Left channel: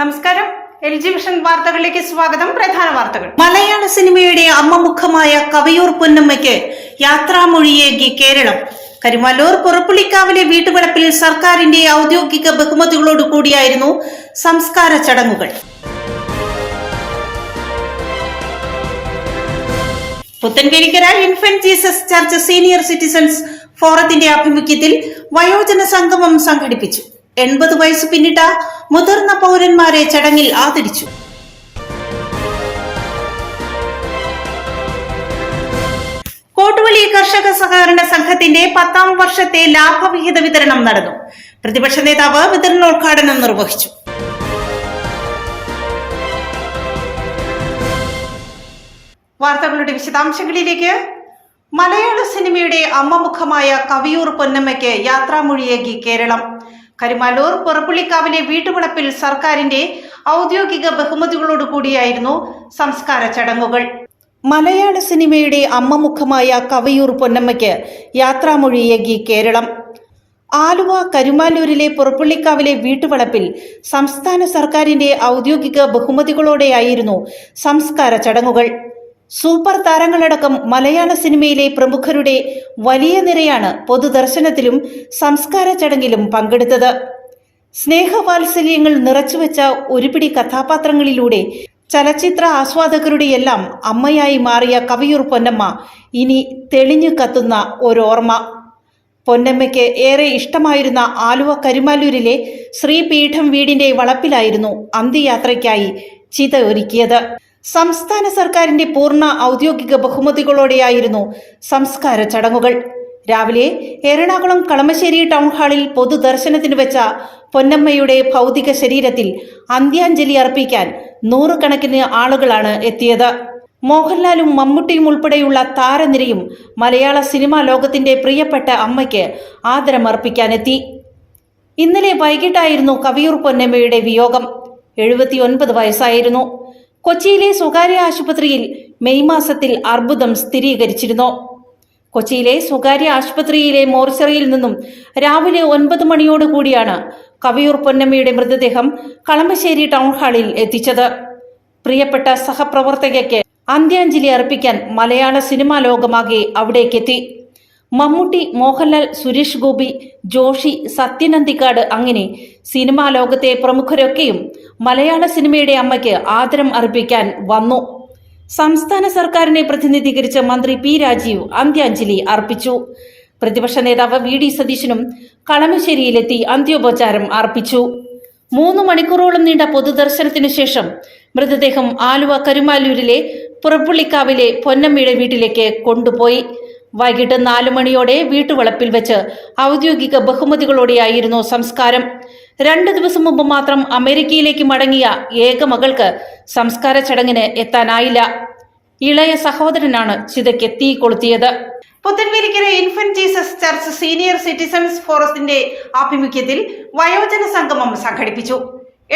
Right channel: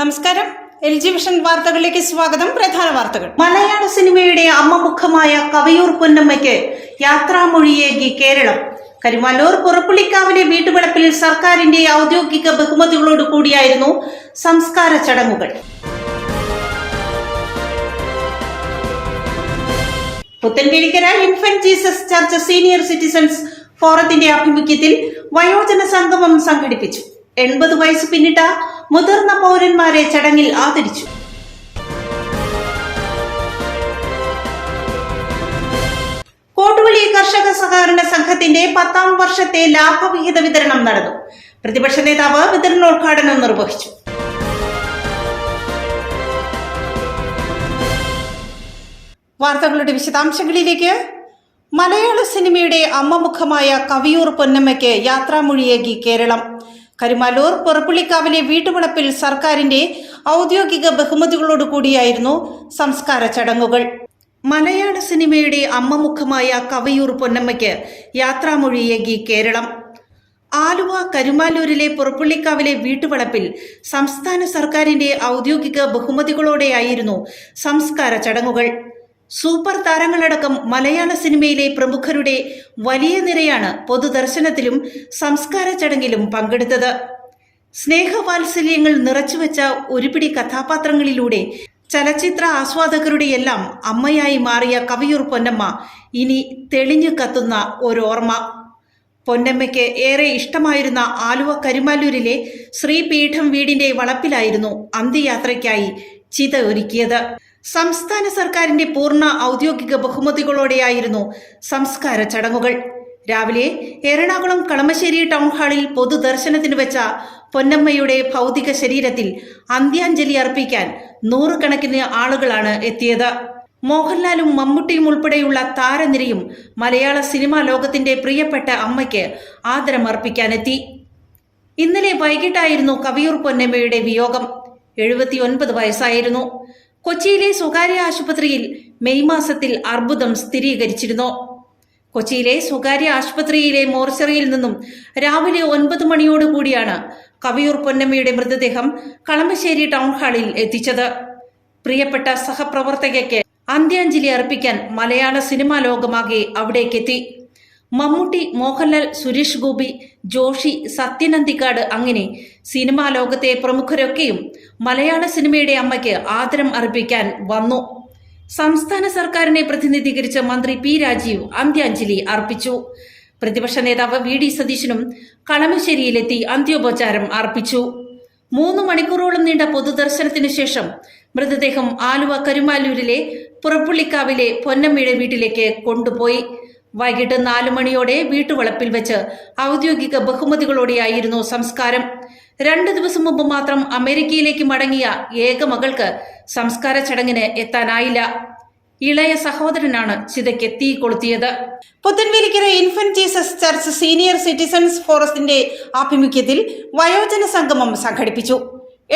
നമസ്കാരം. LG vision വാർത്തകളിലേക്ക് സ്വാഗതം. പ്രധാന വാർത്തകൾ. മലയാള സിനിമയുടെ അമ്മമുഖമായ കവിയൂർ പൊന്നമ്മയ്ക്ക് യാത്രാമൊഴിയേകി കേരളം. കരിമല്ലൂർ പുറപ്പുള്ളിക്കാവിലെ വീട്ടുവളപ്പിൽ സർക്കാരിന്റെ ഔദ്യോഗിക ബഹുമതികളോട് കൂടിയായിരുന്നു സംസ്കാര ചടങ്ങുകൾ. Puthenvelikkara infant Jesus church senior citizens ഫോറത്തിന്റെ ആഭിമുഖ്യത്തിൽ വയോജന സംഗമം സംഘടിപ്പിച്ചു. 80 വയസ്സ് പിന്നിട്ട മുതിർന്ന പൗരന്മാരെ ചടങ്ങിൽ ആദരിച്ചു. കോട്ടുവള്ളി കർഷക സഹകരണ സംഘത്തിന്റെ 10ാം വർഷത്തെ ലാഭവിഹിത വിതരണം നടന്നു. പ്രതിപക്ഷ നേതാവ് വിതരണോദ്ഘാടനം നിർവഹിച്ചു. വാർത്തകളുടെ വിശദാംശങ്ങളിലേക്ക്. മലയാള സിനിമയുടെ അമ്മമുഖമായ കവിയൂർ പൊന്നമ്മയ്ക്ക് യാത്രാമൊഴിയേകി കേരളം. കരിമല്ലൂർ പുറപ്പുള്ളിക്കാവിലെ വീട്ടുവളപ്പിൽ സർക്കാരിന്റെ ഔദ്യോഗിക ബഹുമതികളോട് കൂടിയായിരുന്നു സംസ്കാര ചടങ്ങുകൾ. മലയാള സിനിമയുടെ അമ്മമുഖമായ കവിയൂർ പൊന്നമ്മയ്ക്ക് യാത്രാമൊഴിയേകി കേരളം. ആലുവ കരുമാല്ലൂരിലെ പുറപ്പുള്ളിക്കാവിലെ വീട്ടുവളപ്പിൽ സംസ്ഥാന സർക്കാരിന്റെ ഔദ്യോഗിക ബഹുമതികളോടെയായിരുന്നു സംസ്കാര ചടങ്ങുകൾ. സൂപ്പർ താരങ്ങളടക്കം മലയാള സിനിമയിലെ പ്രമുഖരുടെ വലിയ നിരയാണ് പൊതുദർശനത്തിലും സംസ്കാര ചടങ്ങിലും പങ്കെടുത്തത്. സ്നേഹവാത്സല്യങ്ങൾ നിറച്ചുവെച്ച ഒരുപിടി കഥാപാത്രങ്ങളിലൂടെ ചലച്ചിത്ര ആസ്വാദകരുടെയെല്ലാം അമ്മയായി മാറിയ കവിയൂർ പൊന്നമ്മ ഇനി തെളിഞ്ഞു കത്തുന്ന ഒരോർമ്മ. പൊന്നമ്മയ്ക്ക് ഏറെ ഇഷ്ടമായിരുന്ന ആലുവ കരുമാല്ലൂരിലെ ശ്രീപീഠം വീടിന്റെ വളപ്പിലായിരുന്നു അന്ത്യയാത്രയ്ക്കായി ചിത ഒരുക്കിയത്. സംസ്ഥാന സർക്കാരിന്റെ പൂർണ്ണ ഔദ്യോഗിക ബഹുമതികളോടെയായിരുന്നു സംസ്കാര ചടങ്ങുകൾ. രാവിലെ എറണാകുളം കളമശ്ശേരി ടൗൺ ഹാളിൽ പൊതുദർശനത്തിന് വെച്ച പൊന്നമ്മയുടെ ഭൗതിക ശരീരത്തിൽ അന്ത്യാഞ്ജലി അർപ്പിക്കാൻ 100 കണക്കിന് ആളുകളാണ് എത്തിയത്. മോഹൻലാലും മമ്മൂട്ടിയും ഉൾപ്പെടെയുള്ള താരനിരയും മലയാള സിനിമാ ലോകത്തിന്റെ പ്രിയപ്പെട്ട അമ്മയ്ക്ക് ആദരമർപ്പിക്കാനെത്തി. ഇന്നലെ വൈകിട്ടായിരുന്നു കവിയൂർ പൊന്നമ്മയുടെ വിയോഗം. 79 വയസ്സായിരുന്നു. കൊച്ചിയിലെ സ്വകാര്യ ആശുപത്രിയിൽ മെയ് മാസത്തിൽ അർബുദം സ്ഥിരീകരിച്ചിരുന്നു. കൊച്ചിയിലെ സ്വകാര്യ ആശുപത്രിയിലെ മോർച്ചറിയിൽ നിന്നും രാവിലെ 9 മണിയോടുകൂടിയാണ് കവിയൂർ പൊന്നമ്മയുടെ മൃതദേഹം കളമശ്ശേരി ടൗൺ ഹാളിൽ എത്തിച്ചത്. പ്രിയപ്പെട്ട സഹപ്രവർത്തകയ്ക്ക് അന്ത്യാഞ്ജലി അർപ്പിക്കാൻ മലയാള സിനിമാ ലോകമാകെ അവിടേക്കെത്തി. മമ്മൂട്ടി, മോഹൻലാൽ, സുരേഷ് ഗോപി, ജോഷി, സത്യനന്ദിക്കാട് അങ്ങനെ സിനിമാ ലോകത്തെ പ്രമുഖരൊക്കെയും മലയാള സിനിമയുടെ അമ്മയ്ക്ക് ആദരം അർപ്പിക്കാൻ വന്നു. സംസ്ഥാന സർക്കാരിനെ പ്രതിനിധീകരിച്ച് മന്ത്രി പി രാജീവ് അന്ത്യാഞ്ജലി അർപ്പിച്ചു. പ്രതിപക്ഷ നേതാവ് VD സതീശനും കളമശ്ശേരിയിലെത്തി അന്ത്യോപചാരം അർപ്പിച്ചു. 3 മണിക്കൂറോളം നീണ്ട പൊതുദർശനത്തിനു ശേഷം മൃതദേഹം ആലുവ കരുമാല്ലൂരിലെ പുറപ്പുള്ളിക്കാവിലെ പൊന്നമ്മയുടെ വീട്ടിലേക്ക് കൊണ്ടുപോയി. വൈകിട്ട് 4 മണിയോടെ വീട്ടുവളപ്പിൽ വെച്ച് ഔദ്യോഗിക ബഹുമതികളോടെയായിരുന്നു സംസ്കാരം. 2 ദിവസം മുമ്പ് മാത്രം അമേരിക്കയിലേക്ക് മടങ്ങിയ ഏക മകൾക്ക് സംസ്കാര ചടങ്ങിന് എത്താനായില്ല. ഇളയ സഹോദരനാണ് ചിതയ്ക്ക് തീ കൊളുത്തിയത്. Puthenvelikkara infant Jesus church senior citizens ഫോറത്തിന്റെ ആഭിമുഖ്യത്തിൽ വയോജന സംഗമം സംഘടിപ്പിച്ചു.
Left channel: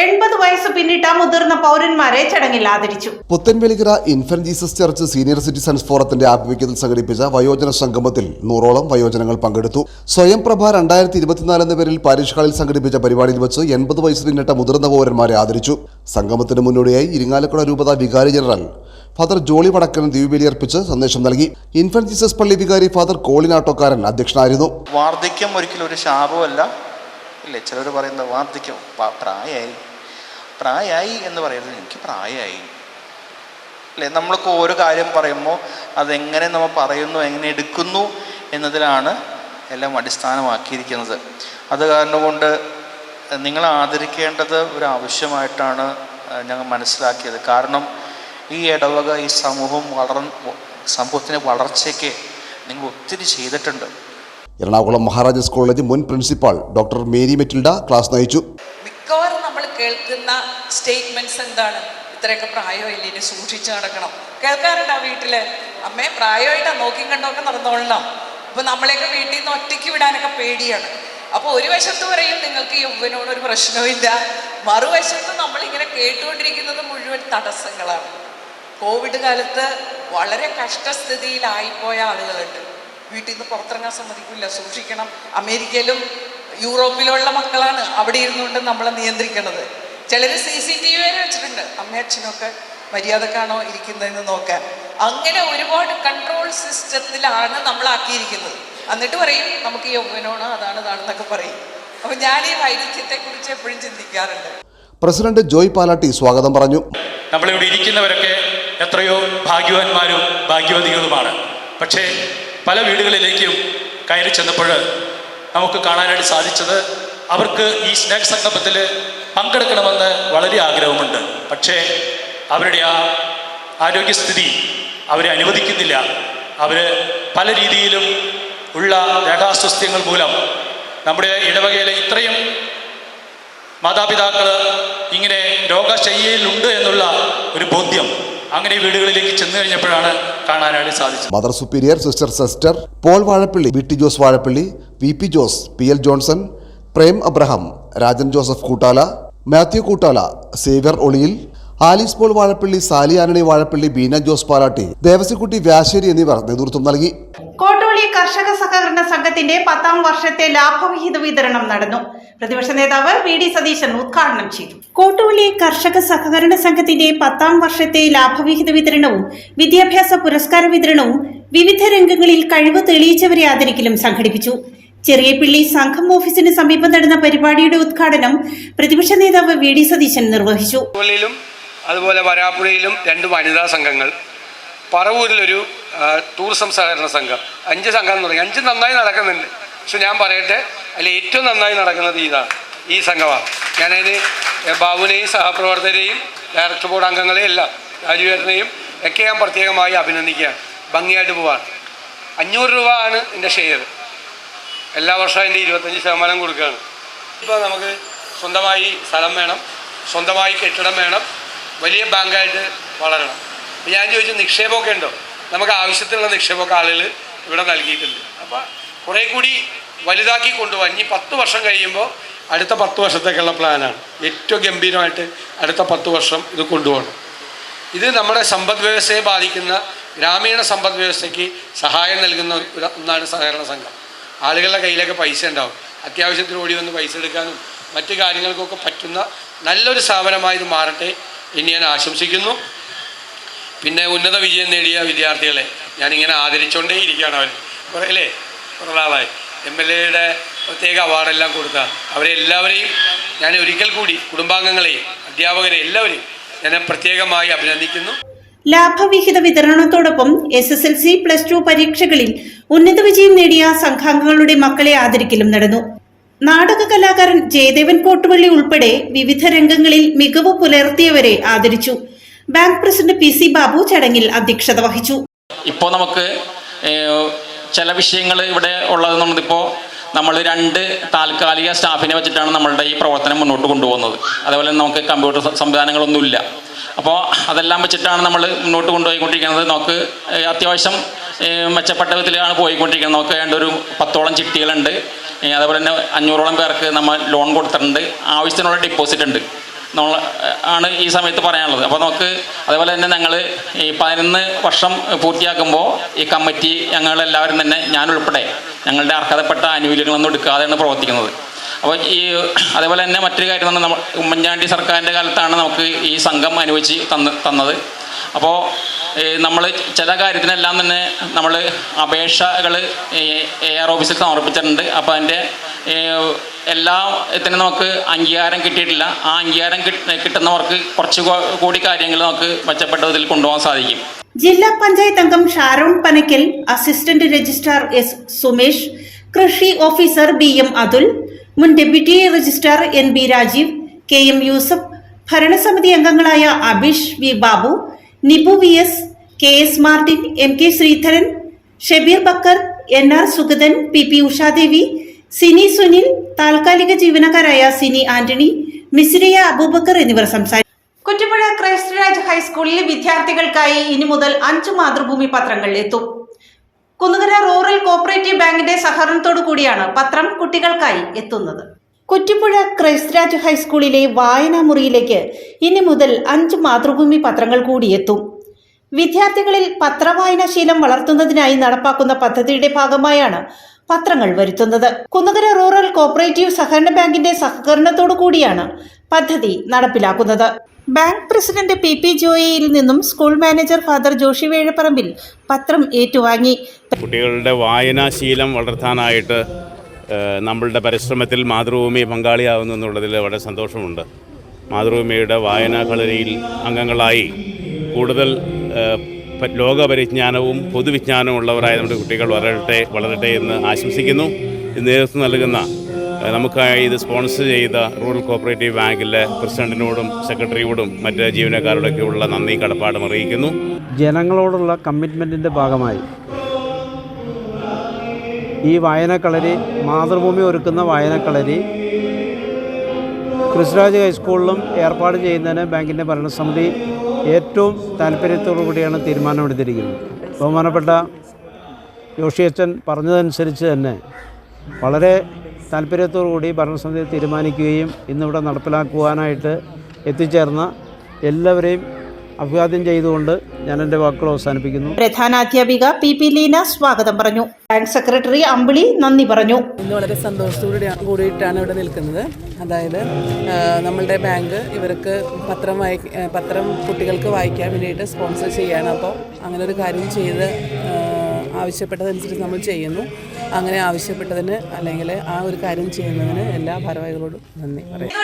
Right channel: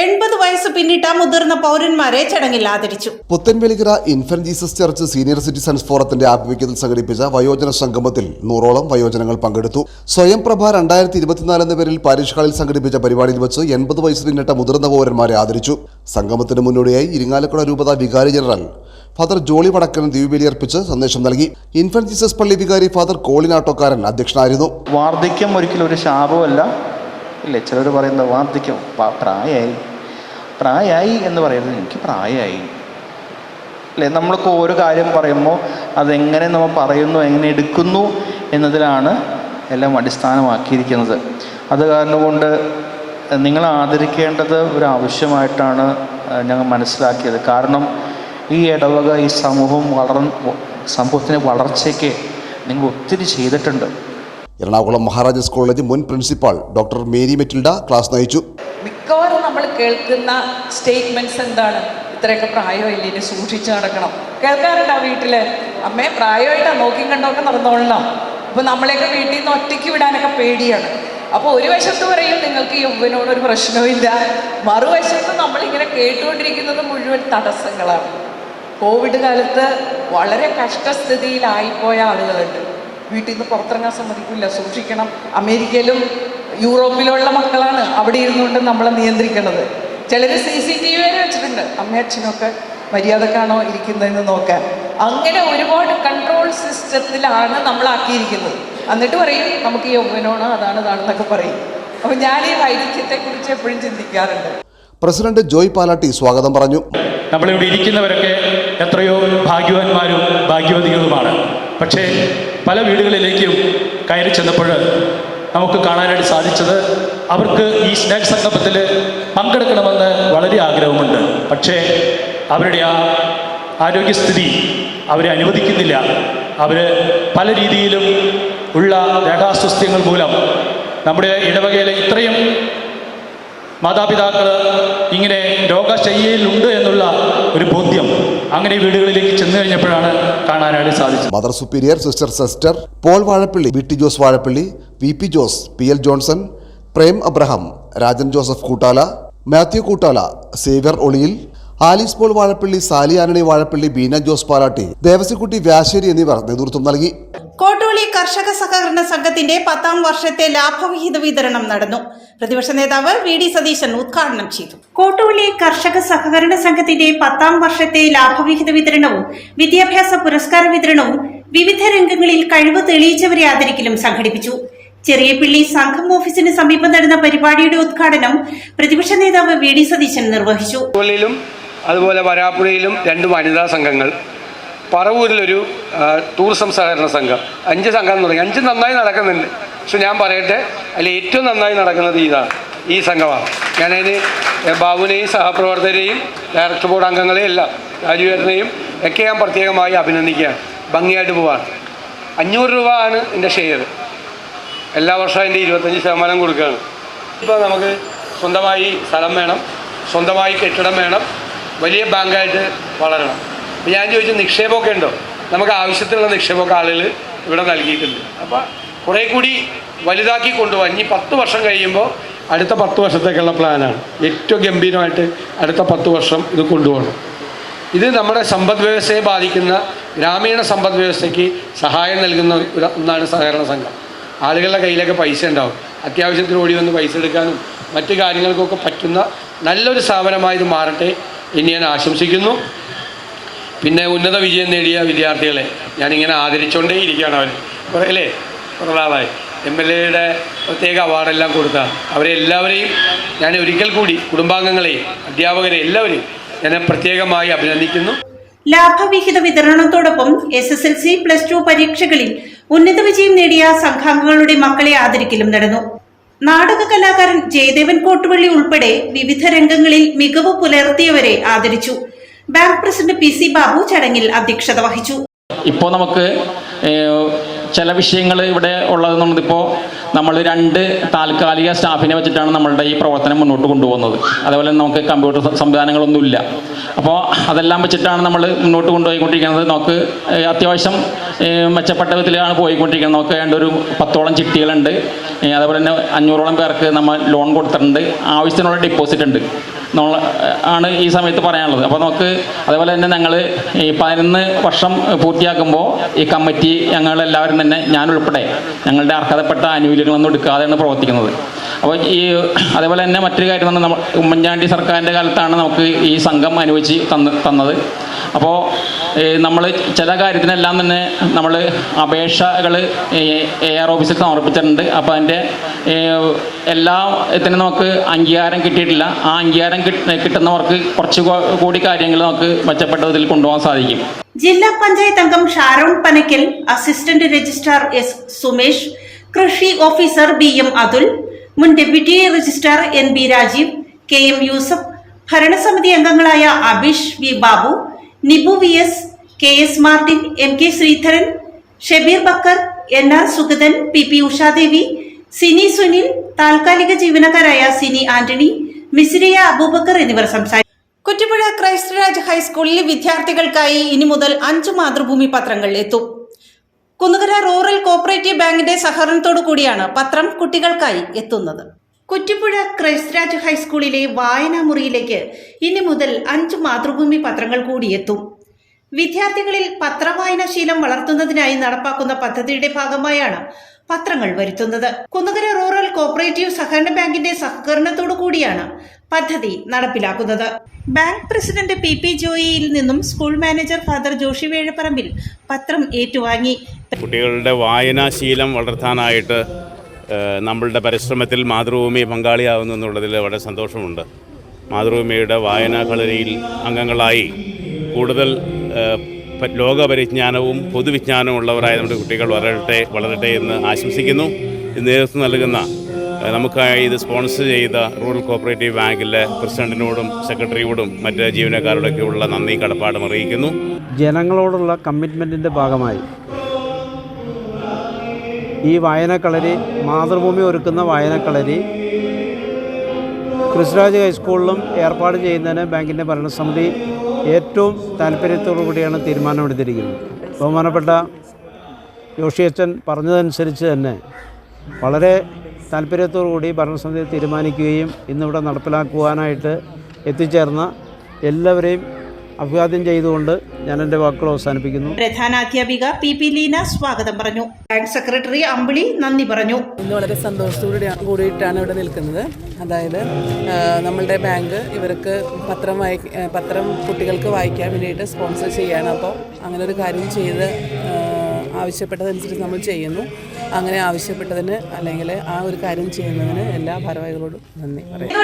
80 വയസ്സ് പിന്നിട്ട മുതിർന്ന പൗരന്മാരെ ചടങ്ങിൽ ആദരിച്ചു. Puthenvelikkara infant Jesus church senior citizens ഫോറത്തിന്റെ ആഭിമുഖ്യത്തിൽ സംഘടിപ്പിച്ച വയോജന സംഗമത്തിൽ 100ഓളം വയോജനങ്ങൾ പങ്കെടുത്തു. സ്വയം പ്രഭ 2024 എന്ന പേരിൽ പാരിഷ് ഹാളിൽ സംഘടിപ്പിച്ച പരിപാടിയിൽ വെച്ച് 80 വയസ്സ് പിന്നിട്ട മുതിർന്ന പൗരന്മാരെ ആദരിച്ചു. സംഗമത്തിന് മുന്നോടിയായി ഇരിങ്ങാലക്കുട രൂപത വികാരി ജനറൽ ഫാദർ ജോളി വടക്കൻ ദിവ്യബലിയർപ്പിച്ച് സന്ദേശം നൽകി. ഇൻഫന്റ് ജീസസ് പള്ളി വികാരി ഫാദർ കോളിനാട്ടോക്കാരൻ അധ്യക്ഷനായിരുന്നു. വാർദ്ധക്യം ഒരിക്കലും ഒരു ശാപമല്ല. ഇല്ലേ, ചിലർ പറയുന്നത് വാർദ്ധക്യം പ്രായമായി എന്ന് പറയുന്നത് എനിക്ക് പ്രായമായി അല്ലേ. നമ്മൾക്ക് ഓരോ കാര്യം പറയുമ്പോൾ അതെങ്ങനെ നമ്മൾ പറയുന്നു, എങ്ങനെ എടുക്കുന്നു എന്നതിലാണ് എല്ലാം അടിസ്ഥാനമാക്കിയിരിക്കുന്നത്. അത് കാരണം കൊണ്ട് നിങ്ങൾ ആദരിക്കേണ്ടത് ഒരു ആവശ്യമായിട്ടാണ് ഞങ്ങൾ മനസ്സിലാക്കിയത്. കാരണം ഈ ഇടവക, ഈ സമൂഹത്തിൻ്റെ വളർച്ചയ്ക്ക് നിങ്ങൾ ഒത്തിരി ചെയ്തിട്ടുണ്ട്. എറണാകുളം മഹാരാജാസ് കോളേജ് മുൻ principal doctor Mary Metilda class നയിച്ചു. മിക്കവാറും നമ്മൾ കേൾക്കുന്ന സ്റ്റേറ്റ്മെന്റ്സ് എന്താണ്? ഇത്രയൊക്കെ പ്രായമില്ല, ഇനി സൂക്ഷിച്ചു നടക്കണം. കേൾക്കാറുണ്ട് ആ വീട്ടില്, അമ്മയെ പ്രായമായിട്ടാണ് നോക്കി കണ്ടൊക്കെ നടന്നോളണം. അപ്പൊ നമ്മളെയൊക്കെ വീട്ടിൽ നിന്ന് ഒറ്റയ്ക്ക് വിടാനൊക്കെ പേടിയാണ്. അപ്പോൾ ഒരു വശത്ത് പറയും നിങ്ങൾക്ക് യൗവനോടൊരു പ്രശ്നവുമില്ല, മറുവശത്ത് നമ്മളിങ്ങനെ കേട്ടുകൊണ്ടിരിക്കുന്നത് മുഴുവൻ തടസ്സങ്ങളാണ്. കോവിഡ് കാലത്ത് വളരെ കഷ്ടസ്ഥിതിയിലായിപ്പോയ ആളുകളുണ്ട്. വീട്ടിൽ നിന്ന് പുറത്തിറങ്ങാൻ സമ്മതിക്കില്ല, സൂക്ഷിക്കണം. അമേരിക്കയിലും യൂറോപ്പിലുള്ള മക്കളാണ് അവിടെ ഇരുന്നുകൊണ്ട് നമ്മളെ നിയന്ത്രിക്കുന്നത്. ചിലർ CCTV വരെ വെച്ചിട്ടുണ്ട്, അമ്മയും അച്ഛനൊക്കെ മര്യാദക്കാണോ ഇരിക്കുന്നതെന്ന് നോക്കാൻ. അങ്ങനെ ഒരുപാട് കൺട്രോൾ സിസ്റ്റത്തിലാണ് നമ്മളാക്കിയിരിക്കുന്നത്. എന്നിട്ട് പറയും നമുക്ക് യൗവനമാണ് അതാണെന്നൊക്കെ പറയും. അപ്പോൾ ഞാൻ ഈ വൈരുദ്ധ്യത്തെക്കുറിച്ച് എപ്പോഴും ചിന്തിക്കാറുണ്ട്. പ്രസിഡന്റ് ജോയ് പാലാട്ടി സ്വാഗതം പറഞ്ഞു. നമ്മളിവിടെ ഇരിക്കുന്നവരൊക്കെ എത്രയോ ഭാഗ്യവാന്മാരും ഭാഗ്യവതികളുമാണ്. പക്ഷേ പല വീടുകളിലേക്കും കയറി ചെന്നപ്പോൾ നമുക്ക് കാണാനായിട്ട് സാധിച്ചത് അവർക്ക് ഈ സ്നേഹ സംഗമത്തിൽ പങ്കെടുക്കണമെന്ന് വളരെ ആഗ്രഹമുണ്ട്. പക്ഷേ അവരുടെ ആ ആരോഗ്യസ്ഥിതി അവരെ അനുവദിക്കുന്നില്ല. അവർ പല രീതിയിലും ഉള്ള ദേഹാസ്വാസ്ഥ്യങ്ങൾ മൂലം നമ്മുടെ ഇടവകയിലെ ഇത്രയും മാതാപിതാക്കൾ ഇങ്ങനെ രോഗശയ്യയിലുണ്ട് എന്നുള്ള ഒരു ബോധ്യം അങ്ങനെ വീടുകളിലേക്ക് ചെന്ന് കഴിഞ്ഞപ്പോഴാണ് കാണാനായിട്ട് സാധിച്ചത്. Mother superior sister sister Paul Vazhappally, VT Jose Vazhappally, VP Jose, PL Johnson, Prem Abraham, Rajan Joseph Koottala, Mathew Koottala, Xavier Oliyil, Alice Paul Vazhappally, Sally Antony Vazhappally, Beena Jose Palatty, Devasikutty Vyasseri എന്നിവർ നേതൃത്വം നൽകി. കോട്ടോളി കർഷക സഹകരണ സംഘത്തിന്റെ 10ാം വർഷത്തെ ലാഭവിഹിത വിതരണം നടന്നു. പ്രതിപക്ഷ നേതാവ് VD സതീശൻ ഉദ്ഘാടനം ചെയ്തു. കോട്ടോളി കർഷക സഹകരണ സംഘത്തിന്റെ 10ാം വർഷത്തെ ലാഭവിഹിത വിതരണവും വിദ്യാഭ്യാസ പുരസ്കാര വിതരണവും വിവിധ രംഗങ്ങളിൽ കഴിവ് തെളിയിച്ചവരെ ആദരിക്കലും സംഘടിപ്പിച്ചു. ചെറിയപിള്ളി സംഘം ഓഫീസിന് സമീപം നടന്ന പരിപാടിയുടെ ഉദ്ഘാടനം പ്രതിപക്ഷ നേതാവ് VD സതീശൻ നിർവഹിച്ചു. അതുപോലെ വരാപ്പുഴയിലും 2 വനിതാ സംഘങ്ങൾ, പറവൂരിലൊരു ടൂറിസം സഹകരണ സംഘം, 5 സംഘം തുടങ്ങി. 5 നന്നായി നടക്കുന്നുണ്ട്. പക്ഷെ ഞാൻ പറയട്ടെ, അതിൽ ഏറ്റവും നന്നായി നടക്കുന്നത് ഈ സംഘമാണ്. ഞാനതിന് ബാബുവിനെയും സഹപ്രവർത്തകരെയും ഡയറക്ടർ ബോർഡ് അംഗങ്ങളെയും എല്ലാം രാജുവേട്ടനെയും ഒക്കെ ഞാൻ പ്രത്യേകമായി അഭിനന്ദിക്കുകയാണ്. ഭംഗിയായിട്ട് പോവാണ്. 500 രൂപ ആണ് എൻ്റെ ഷെയർ. എല്ലാ വർഷവും അതിൻ്റെ 25% കൊടുക്കുകയാണ്. ഇപ്പോൾ നമുക്ക് സ്വന്തമായി സ്ഥലം വേണം, സ്വന്തമായി കെട്ടിടം വേണം, വലിയ ബാങ്കായിട്ട് വളരണം. ഞാൻ ചോദിച്ചു, നിക്ഷേപമൊക്കെ ഉണ്ടോ? നമുക്ക് ആവശ്യത്തിനുള്ള നിക്ഷേപമൊക്കെ ആളുകൾ ഇവിടെ നൽകിയിട്ടുണ്ട്. അപ്പോൾ കുറേ കൂടി വലുതാക്കി കൊണ്ടുപോകാൻ ഇനി 10 വർഷം കഴിയുമ്പോൾ അടുത്ത 10 വർഷത്തേക്കുള്ള പ്ലാനാണ്. ഏറ്റവും ഗംഭീരമായിട്ട് അടുത്ത 10 വർഷം ഇത് കൊണ്ടുപോകണം. ഇത് നമ്മുടെ സമ്പദ് വ്യവസ്ഥയെ ബാധിക്കുന്ന ഗ്രാമീണ സമ്പദ് വ്യവസ്ഥയ്ക്ക് സഹായം നൽകുന്ന ഒന്നാണ് സഹകരണ സംഘം. ആളുകളുടെ കയ്യിലൊക്കെ പൈസ ഉണ്ടാവും, അത്യാവശ്യത്തിന് ഓടി വന്ന് പൈസ എടുക്കാനും മറ്റു കാര്യങ്ങൾക്കൊക്കെ പറ്റുന്ന നല്ലൊരു സ്ഥാപനമായി ഇത് മാറട്ടെ എന്ന് ഞാൻ ആശംസിക്കുന്നു. പിന്നെ ഉന്നത വിജയം നേടിയ വിദ്യാർത്ഥികളെ ഞാനിങ്ങനെ ആദരിച്ചുകൊണ്ടേ ഇരിക്കുകയാണ്. അവർ കുറേ നാളായി MLA പ്രത്യേക അവാർഡെല്ലാം കൊടുത്താണ്. അവരെല്ലാവരെയും ഞാൻ ഒരിക്കൽ കൂടി കുടുംബാംഗങ്ങളെയും അധ്യാപകരെ എല്ലാവരെയും ഞാൻ പ്രത്യേകമായി അഭിനന്ദിക്കുന്നു. ലാഭവിഹിത വിതരണത്തോടൊപ്പം SSLC, +2 പരീക്ഷകളിൽ ഉന്നത വിജയം നേടിയ സംഘാംഗങ്ങളുടെ മക്കളെ ആദരിക്കലും നടന്നു. നാടക കലാകാരൻ ജയദേവൻ കോട്ടുവള്ളി ഉൾപ്പെടെ വിവിധ രംഗങ്ങളിൽ മികവ് പുലർത്തിയവരെ ആദരിച്ചു. ബാങ്ക് പ്രസിഡന്റ് PC ബാബു ചടങ്ങിൽ അധ്യക്ഷത വഹിച്ചു. ഇപ്പോൾ നമുക്ക് ചില വിഷയങ്ങൾ ഇവിടെ ഉള്ളതെന്നുള്ളതിപ്പോൾ നമ്മൾ 2 താൽക്കാലിക സ്റ്റാഫിനെ വെച്ചിട്ടാണ് നമ്മളുടെ ഈ പ്രവർത്തനം മുന്നോട്ട് കൊണ്ടുപോകുന്നത്. അതേപോലെ നമുക്ക് കമ്പ്യൂട്ടർ സംവിധാനങ്ങളൊന്നുമില്ല. അപ്പോൾ അതെല്ലാം വെച്ചിട്ടാണ് നമ്മൾ മുന്നോട്ട് കൊണ്ടുപോയിക്കൊണ്ടിരിക്കുന്നത്. നമുക്ക് അത്യാവശ്യം മെച്ചപ്പെട്ട വിധത്തിലാണ് പോയിക്കൊണ്ടിരിക്കുന്നത്. നമുക്ക് ഒരു 10ഓളം ചിട്ടികളുണ്ട്. അതേപോലെ തന്നെ 500ഓളം പേർക്ക് നമ്മൾ ലോൺ കൊടുത്തിട്ടുണ്ട്. ആവശ്യത്തിനുള്ള ഡിപ്പോസിറ്റ് ഉണ്ട് ആണ് ഈ സമയത്ത് പറയാനുള്ളത്. അപ്പോൾ നമുക്ക് അതേപോലെ തന്നെ ഞങ്ങൾ ഈ 11 വർഷം പൂർത്തിയാക്കുമ്പോൾ ഈ കമ്മിറ്റി ഞങ്ങളെല്ലാവരും തന്നെ ഞാനുൾപ്പെടെ ഞങ്ങളുടെ അർഹതപ്പെട്ട ആനുകൂല്യങ്ങളൊന്നും എടുക്കാതെയാണ് പ്രവർത്തിക്കുന്നത്. അപ്പോൾ അതേപോലെ തന്നെ മറ്റൊരു കാര്യം തന്നെ നമ്മൾ ഉമ്മൻചാണ്ടി സർക്കാരിൻ്റെ കാലത്താണ് നമുക്ക് ഈ സംഘം അനുവദിച്ച് തന്നത്. അപ്പോൾ നമ്മൾ ചില കാര്യത്തിനെല്ലാം തന്നെ നമ്മൾ അപേക്ഷകൾ AR ഓഫീസിൽ സമർപ്പിച്ചിട്ടുണ്ട്. അപ്പോൾ അതിൻ്റെ എല്ലാത്തിനും നമുക്ക് അംഗീകാരം കിട്ടിയിട്ടില്ല. ആ അംഗീകാരം കിട്ടുന്നവർക്ക് കുറച്ച് കൂടി കാര്യങ്ങൾ നമുക്ക് മെച്ചപ്പെട്ട വിധത്തിൽ കൊണ്ടുപോകാൻ സാധിക്കും. ജില്ലാ പഞ്ചായത്ത് അംഗം Sharon Panakkal, assistant registrar S Sumesh, കൃഷി ഓഫീസർ BM അതുൽ, മുൻ deputy registrar NB Rajeev, KM Yusuf, ഭരണസമിതി അംഗങ്ങളായ Abeesh V Babu, Nibu VS, KS Martin, MK Sreedharan, Shabeer Bakkar, NR Sugathan, PP Ushadevi, Sini Sunil, താൽക്കാലിക ജീവനക്കാരായ സിനി ആന്റണി, മിസിരിയ അബൂബക്കർ എന്നിവർ സംസാരിച്ചു. കുറ്റിപ്പുഴ ക്രൈസ്റ്റ് രാജ് ഹൈസ്കൂളിൽ വിദ്യാർത്ഥികൾക്കായി ഇനി മുതൽ 5 മാതൃഭൂമി പത്രങ്ങൾ എത്തും. കുന്നുകര റൂറൽ കോഓപ്പറേറ്റീവ് ബാങ്കിന്റെ സഹകരണത്തോടു കൂടിയാണ് പത്രം കുട്ടികൾക്കായി എത്തുന്നത്. കുറ്റിപ്പുഴ ക്രൈസ്റ്റ് രാജ് ഹൈസ്കൂളിലെ വായനാ മുറിയിലേക്ക് ഇനി മുതൽ 5 മാതൃഭൂമി പത്രങ്ങൾ കൂടി എത്തും. വിദ്യാർത്ഥികളിൽ പത്രവായനാശീലം വളർത്തുന്നതിനായി നടപ്പാക്കുന്ന പദ്ധതിയുടെ ഭാഗമായാണ് പത്രങ്ങൾ വരുത്തുന്നത്. കുന്നകര റൂറൽ കോഓപ്പറേറ്റീവ് സഹകരണ ബാങ്കിന്റെ സഹകരണത്തോടു കൂടിയാണ് പദ്ധതി നടപ്പിലാക്കുന്നത്. ബാങ്ക് പ്രസിഡന്റ് പി ജോയിയിൽ നിന്നും school manager father Joshy Vezhaparambil പത്രം ഏറ്റുവാങ്ങി. കുട്ടികളുടെ വായനാശീലം വളർത്താനായിട്ട് നമ്മളുടെ പരിശ്രമത്തിൽ മാതൃഭൂമി പങ്കാളിയാവുന്നു എന്നുള്ളതിൽ വളരെ സന്തോഷമുണ്ട്. മാതൃഭൂമിയുടെ വായനാ കളരിയിൽ അംഗങ്ങളായി കൂടുതൽ ലോകപരിജ്ഞാനവും പൊതുവിജ്ഞാനവും ഉള്ളവരായ നമ്മുടെ കുട്ടികൾ വളരട്ടെ എന്ന് ആശംസിക്കുന്നു. ഇത് നേതൃത്വം നൽകുന്ന നമുക്കായി ഇത് സ്പോൺസർ ചെയ്ത റൂറൽ കോഓപ്പറേറ്റീവ് ബാങ്കിലെ പ്രസിഡന്റിനോടും സെക്രട്ടറിയോടും മറ്റ് ജീവനക്കാരോടൊക്കെയുള്ള നന്ദി കടപ്പാടും അറിയിക്കുന്നു. ജനങ്ങളോടുള്ള കമ്മിറ്റ്മെൻറ്റിൻ്റെ ഭാഗമായി ഈ വായനക്കളരി, മാതൃഭൂമി ഒരുക്കുന്ന വായനക്കളരി ക്രിസ്തുരാജ് ഹൈസ്കൂളിലും ഏർപ്പാട് ചെയ്യുന്നതിന് ബാങ്കിൻ്റെ ഭരണസമിതി ഏറ്റവും താല്പര്യത്തോടു കൂടിയാണ് തീരുമാനമെടുത്തിരിക്കുന്നത്. ബഹുമാനപ്പെട്ട ജോഷിയച്ചൻ പറഞ്ഞതനുസരിച്ച് തന്നെ വളരെ താല്പര്യത്തോടു കൂടി ഭരണസമിതി തീരുമാനിക്കുകയും ഇന്നിവിടെ നടപ്പിലാക്കുവാനായിട്ട് എത്തിച്ചേർന്ന എല്ലാവരെയും അഭിവാദ്യം ചെയ്തുകൊണ്ട് ഞാൻ എൻ്റെ വാക്കുകൾ അവസാനിപ്പിക്കുന്നു. പ്രധാനാധ്യാപിക പി ലീന സ്വാഗതം പറഞ്ഞു. ബാങ്ക് സെക്രട്ടറി അമ്പിളി നന്ദി പറഞ്ഞു. ഇന്ന് വളരെ സന്തോഷത്തോടെ കൂടിയിട്ടാണ് ഇവിടെ നിൽക്കുന്നത്. അതായത് നമ്മളുടെ ബാങ്ക് ഇവർക്ക് പത്രം കുട്ടികൾക്ക് വായിക്കാൻ വേണ്ടിയിട്ട് സ്പോൺസർ ചെയ്യാണ്. അപ്പോൾ അങ്ങനെ ഒരു കാര്യം ചെയ്ത് ആവശ്യപ്പെട്ടതനുസരിച്ച് നമ്മൾ ചെയ്യുന്നു. അങ്ങനെ ആവശ്യപ്പെട്ടതിന് അല്ലെങ്കിൽ ആ ഒരു കാര്യം ചെയ്യുന്നതിന് എല്ലാ ഭാരവാഹികളോടും നന്ദി പറയാം.